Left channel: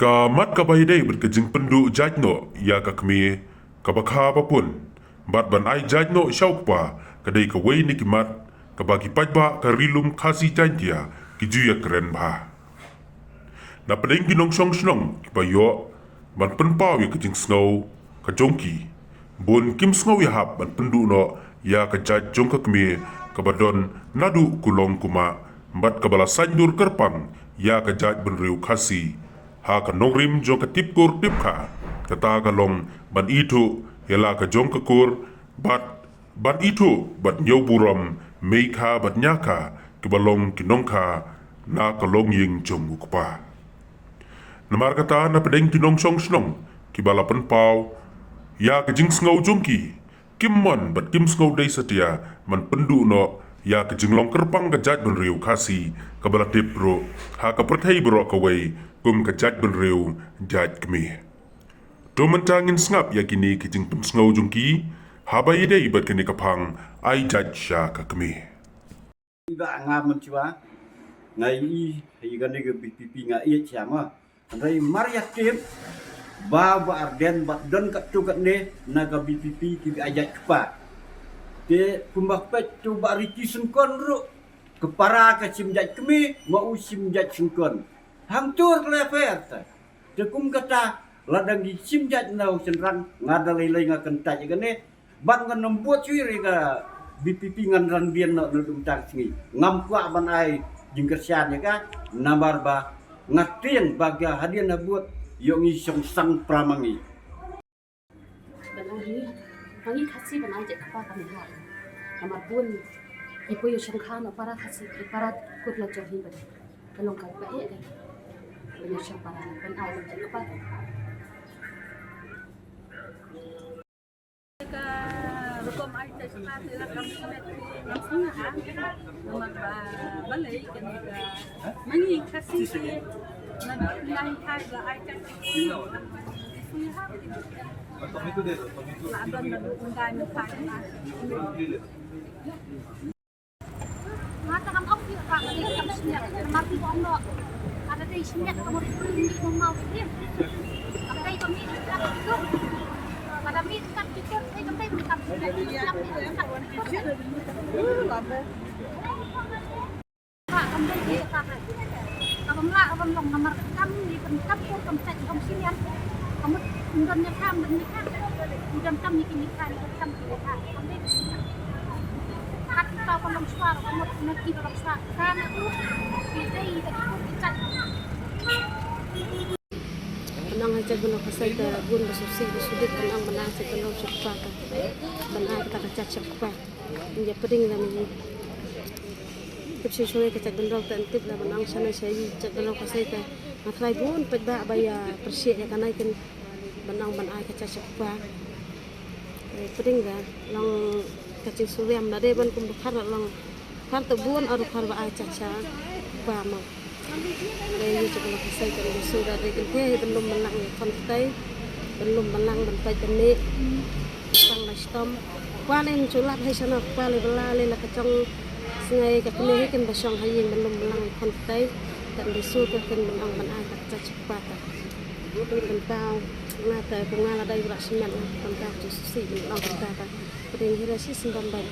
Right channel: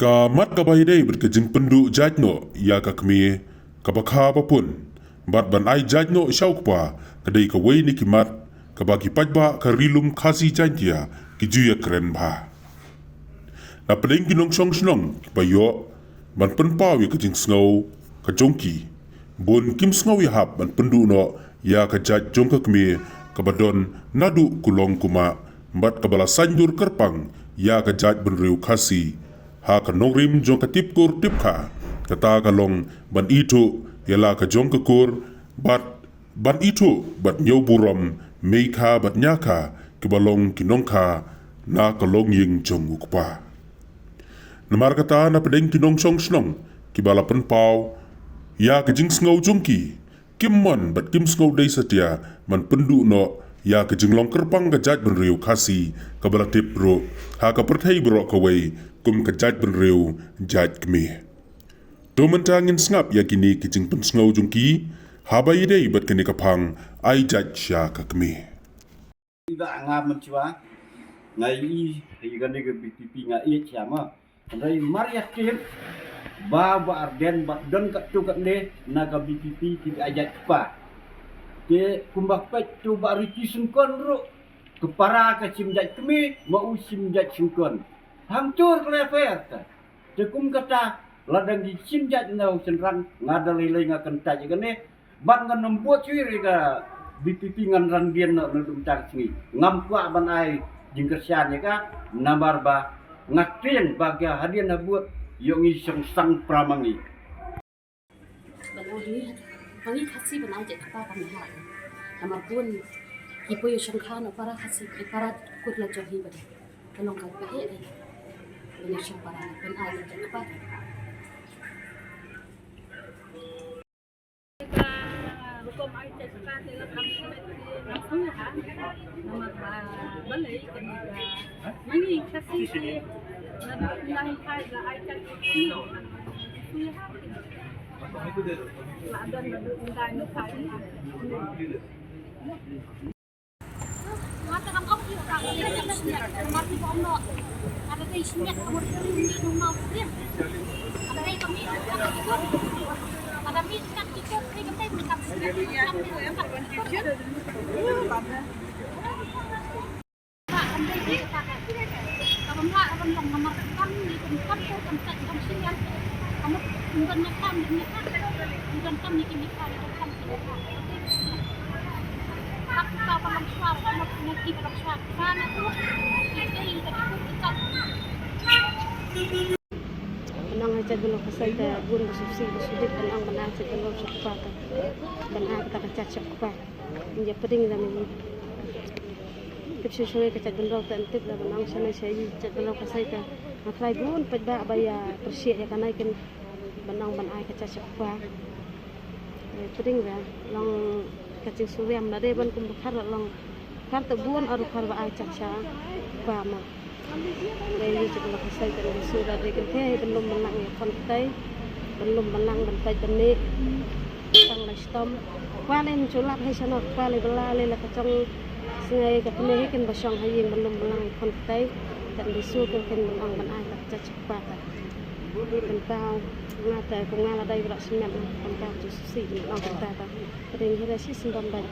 Kamat kabayday berkejeng penduk jajno ya kakmi kabakha papun bat ban ai jajno shaukpa kadai kawai ni kimat kabagi pajba karilum khasi jantia kijuya keren bha na peding kinong song snong kipayo ban penpau ya kejeng snow kajongki bun kim snow ya hap ban pendu no ya kajaj jong kakmi kabadon nadu kulong kuma bat kabala sanjur kerpang ya kajaj benriu khasi ha ka nongrim jong ka tipkur tipka kata kalong ban itu yala ka jong ka kur ban itu bat nyau buram meikha bat nyaka kibalong kinongka na kalong ying jong ukpa namar kata na pedeng kinong song snong kibala penpau ya ka jing sngow jongki kimmon bat kim sngow dai satia man pendu no ya ka jinglong kerpang ka jaj ban riu khasi kabala tip bro ha ka perthai bro kawai kum ka jaj ban riu jaj kmi to mentangin snap ya kini ka jing pen sngow jongki ha ba yede bat kini kapang ai jaj sha ka kmi Iba ngam mencuba ngai higan ni BPP ngai chama rai maria tim ba arden bat don kat tu kat ne naga BPP ti ajak kepa te kumbak pet tu ba riki sengkon ru kepara ka simjat kemi mau simjat sengkon hancur leper ta te kum kata ladang di simjat nau senran ngadalai lai ngakan taj gane ban ngan nembuat ciri ka BPP ngan randian no nudum tang sini ngam kwa ban ai jingkersian ya ka nambar ba ngatin baga hadian na buat yung isang sang pramangi banang ini pangi khasi banai je kapa kami ha namar pun ipo yo sangkha no para khasi para kutla johi bade kalong kai pa he banyak sang para ban ai je kapa Kom ai tay sa sila kam namsun ha namag balay kani ka mangi kasi nang kai la ai tay no suya ha la don na undai na kai na mata kam au ki ka ni kam snya namar ti bom no ada dei snya kamu ni no mau dia ada dei kami ka itu pada mit kat itu kai kam dei kat snya kam kat pak kam dei ni ka ka kam la kam long namar kam ni kam pur kam tek kam snya kamu undon kam undon kam ni kini ka kam kini ka kam dei snya kat ka palong suara kamu nak palong suara kan aku dei tadi pun kita Benang aja guna kasai ta gun basusi basudik benang benang se benang cepat ta benang kita kacat cepat menjadi penting dalam ini tip sesuai kacat benang ta tip la benang sana saya cat benang kasai ta maklai bun pada baya persia ya kanai kan benang benang kacat cepat penting dah long kacing suwem nade ban kum bukhar long kan ta bun aru khar ba caca ba ma đây cho nó xây cho nó sửa ra đây cái thế bên lùm bằng lăng con tây bên lùm bằng lăng bên tây bên nệ tăng lại stom qua lên chỗ lát hay sao nó qua lên bala lên là cái trong ngày cái này hay cái bờ sông hay gì bên lùm bằng lăng con tây tận đi sửa cái bên ông bên ai đặt chặt qua ta đi bên tao nga tại cùng nga là đây là sinh nhật con tao chỉ xí bên ông bên ta ta bên đây là xí sinh đom đây